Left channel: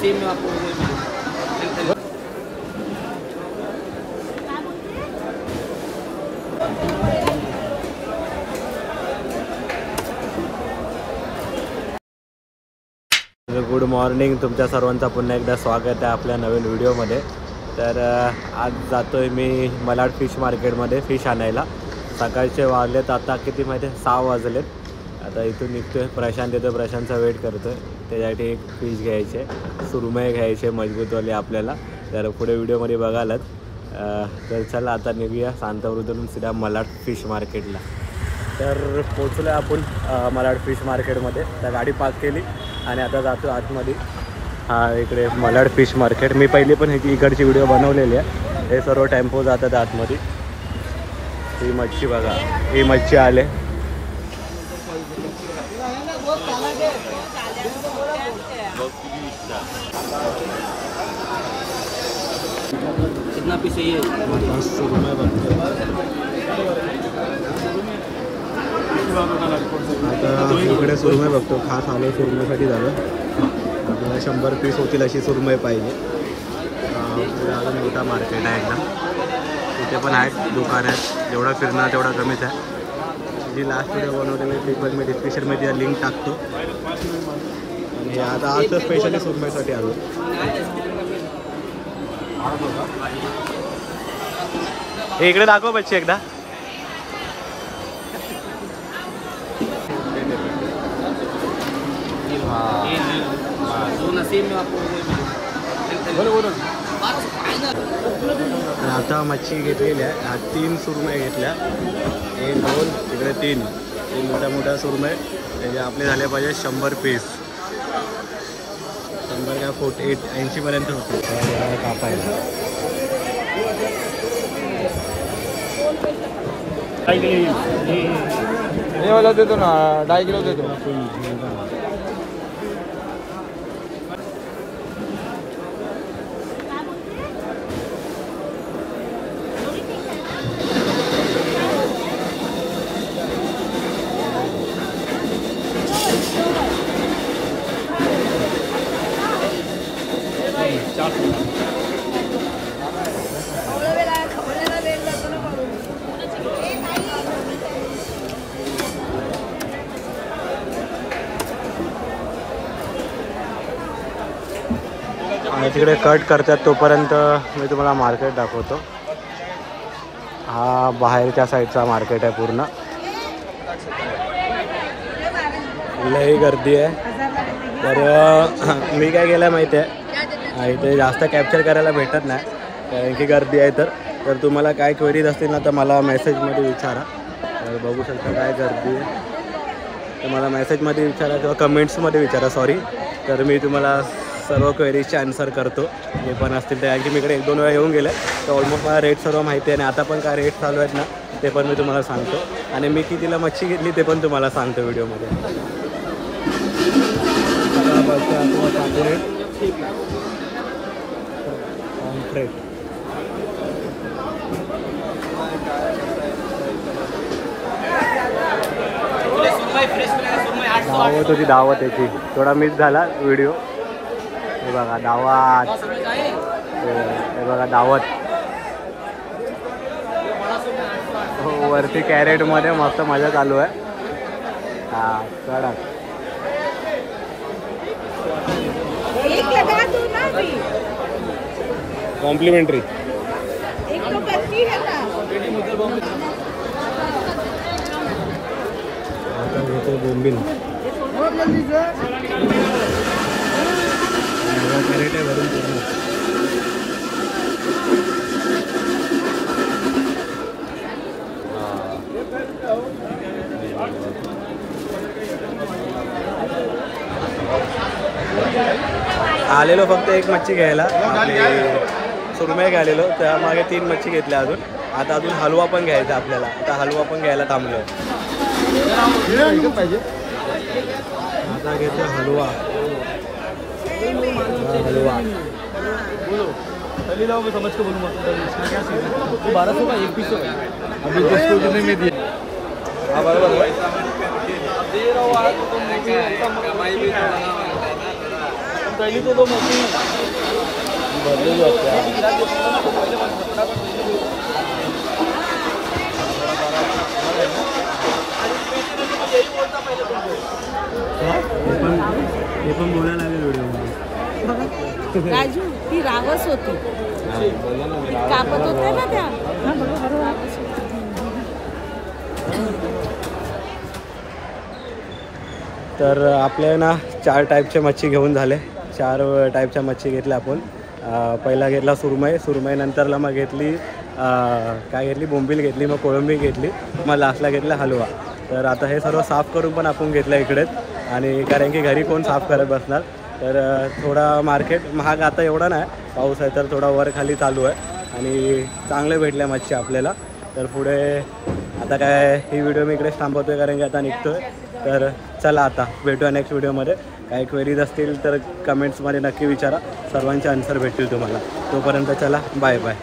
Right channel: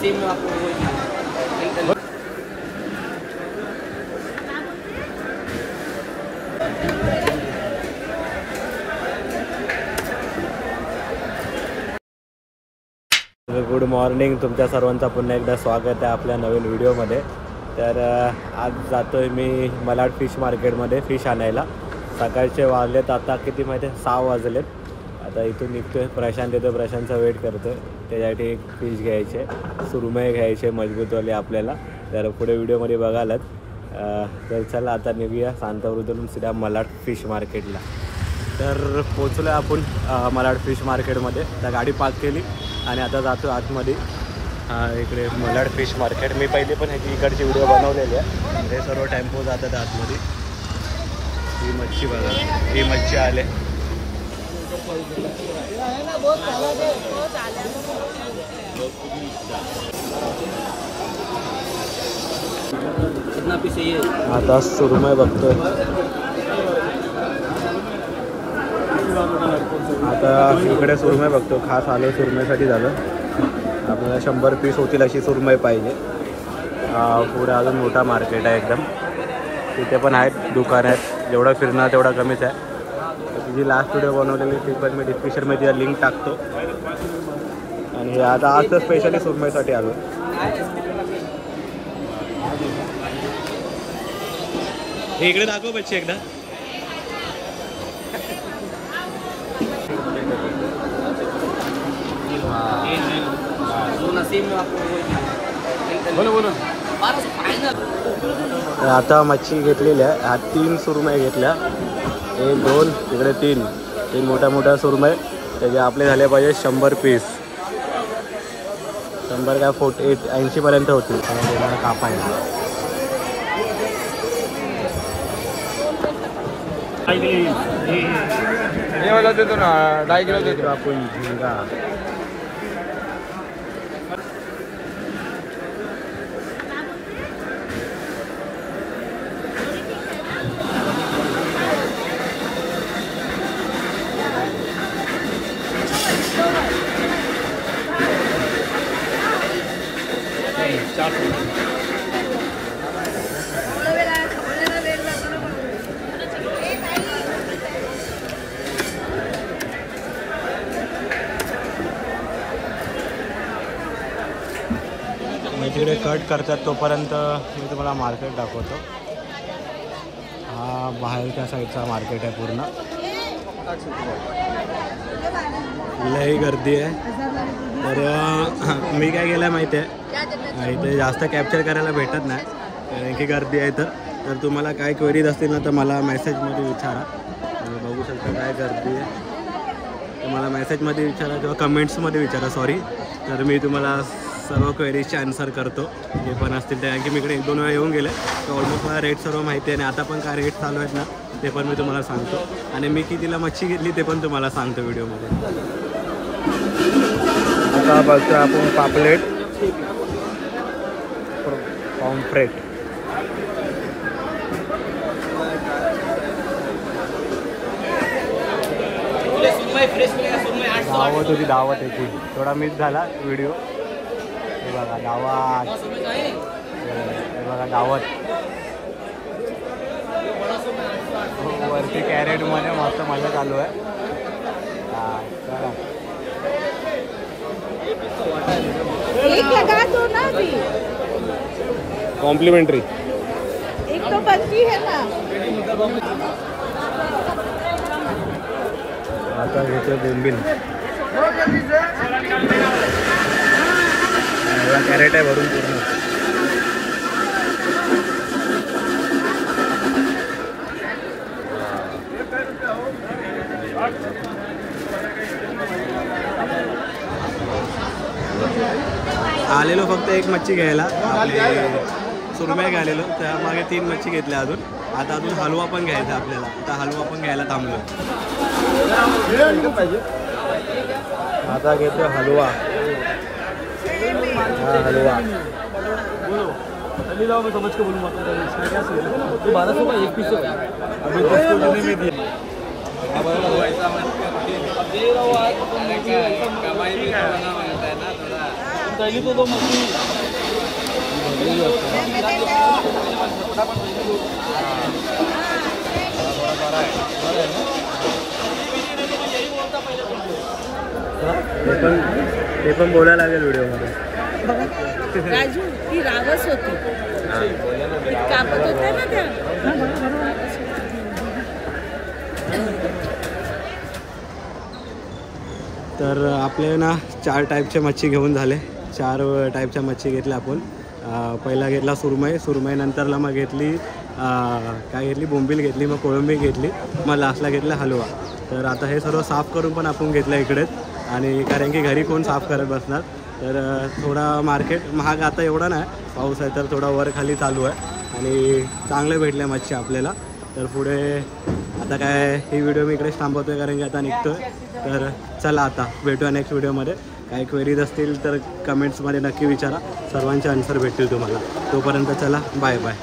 Same में आपको good morning, तुमच्या सर्वांचा पुन्हा एकदा स्वागत आहे आपल्या नवीन व्हिडिओमध्ये. तर आज जातो आहे मी मलाड फिश मार्केटमध्ये फिश आणायला. सकाळचे वाजलेत आता किती माहिती आहे, 6 वाजलेत. आता इथून निघतो आहे, प्रशांत येतो, प्रशांतचा वेट करतो आहे. त्याच्यासाठी एक फिश घ्यायचे, सुरमई घ्यायचे मजबूतवाले आपल्याला. तर पुढे व्हिडिओमध्ये बघालच. तर चला आता निघूया शांतवृद्धून सीधा मलाड फिश मार्केटला. तर पोचलो आहे आपण मलाड फिश मार्केटमध्ये. तर गाडी पार्क केली आणि आता जातो आतमध्ये. इकडे मलाड फिश मार्केट. मी पहिले पण इकडची व्हिडिओ बनवलेली आहे. हे सर्व टेम्पो जातात आतमध्ये. ही मच्छी बघा, ही मच्छी आले. आता सुरमई बघतो. आता इकडे सुरमई बघतो. खास आलो सुरमईसाठी झालं. आपल्याला 100 पीस होतील अशी सुरमई पाहिजे. पुढे अजून मोठा मार्केट आहे एकदम. तिथे पण आहेत दुकान आहेत. जेवढं फिरणार तेवढा कमीच आहे. जी लास्ट व्हिडिओ बनवलेली ती पण मी डिस्क्रिप्शनमध्ये लिंक टाकतो. आणि आता आज तर स्पेशली सुरमईसाठी आलो. इकडे दाखव बच्ची एकदा. आता मच्छी घेतलेली आहे. 3 सुरमई घेतल्या. 1 2 तिकडे 3 मोठ्या मोठ्या सुरमई. त्याचे आपले झाले पाहिजे 100 पीस. 100 काय 80 पर्यंत होतील कापायला. हे वाला देतो ना, 2.5 किलो देतो आपण. तिकडे कट करतात तोपर्यंत मी तुम्हाला मार्केट दाखवतो. हा बाहेरच्या साईडचा मार्केट आहे पूर्ण. लई गर्दी आहे. तर मी काय केलं माहिती आहे, इथे जास्त कॅप्चर करायला भेटत नाही कारण की गर्दी आहे. तर तुम्हाला काय क्वेरीज असतील ना तर मला मेसेजमध्ये विचारा. तर बघू शकता काय गर्दी आहे. तर मला मेसेजमध्ये विचारा किंवा कमेंट्समध्ये विचारा, सॉरी. तर मी तुम्हाला सर्व क्वेरीजचे आन्सर करतो जे पण असतील ते. कारण की मी इकडे 1-2 वेळा येऊन गेले तर ऑलमोस्ट मला रेट सर्व माहिती आहे. आणि आता पण काय रेट चालू आहेत ना ते पण मी तुम्हाला सांगतो. आणि मी कितीला मच्छी घेतली ते पण तुम्हाला सांगतो व्हिडिओमध्ये. आता बघतो आपण पापलेट, पॉम्फ्रेट. दावत होती, दावत याची थोडा मिस झाला व्हिडिओ. हे बघा दावत, हे बघा दावत. वरती कॅरेटमध्ये मस्त मजा चालू आहे. कॉम्प्लिमेंटरी. आता घेतो बोंबील. कॅरेट आहे भरून पूर्ण. आलेलो फक्त एक मच्छी घ्यायला. आपले सुरमई घ्यायलेलो त्यामागे 3 मच्छी घेतल्या अजून. आता अजून हलवा पण घ्यायचा आपल्याला. आता हलवा पण घ्यायला थांबलो. आता घेतो हलवा. हलवा चली जाओ, मैं समझ के बोलूँगा इसमें क्या सीन है। तो 1200 का एक पीस है अभी डिस्काउंट में दिया। हाँ बराबर है। ते पण बोलायला लागेल व्हिडिओमध्ये. राजू ती रावस होती, ती कापत होते ना त्या. रावस होती. तर आपल्या ना 4 टाईपचे मच्छी घेऊन झाले. 4 टाईपच्या मच्छी घेतल्या आपण. पहिला घेतला सुरमई नंतरला मग घेतली काय घेतली, बोंबील घेतली, मग कोळंबी घेतली, मग लास्टला घेतला हलवा. तर आता हे सर्व साफ करून पण आपण घेतलं इकडेच, आणि कारण की घरी कोण साफ करत बसणार. तर थोडा मार्केट महाग आता एवढा नाही, पाऊस आहे तर थोडा वर खाली चालू आहे, आणि चांगले भेटल्या मच्छी आपल्याला. तर पुढे आता काय ही व्हिडिओ मी इकडेच थांबवतो आहे, कारण की आता निघतो आहे. तर चला आता भेटूया नेक्स्ट व्हिडिओमध्ये. काही क्वेरीज असतील तर कमेंट्समध्ये नक्की विचारा, सर्वांचे आन्सर भेटतील तुम्हाला. तोपर्यंत चला, बाय बाय.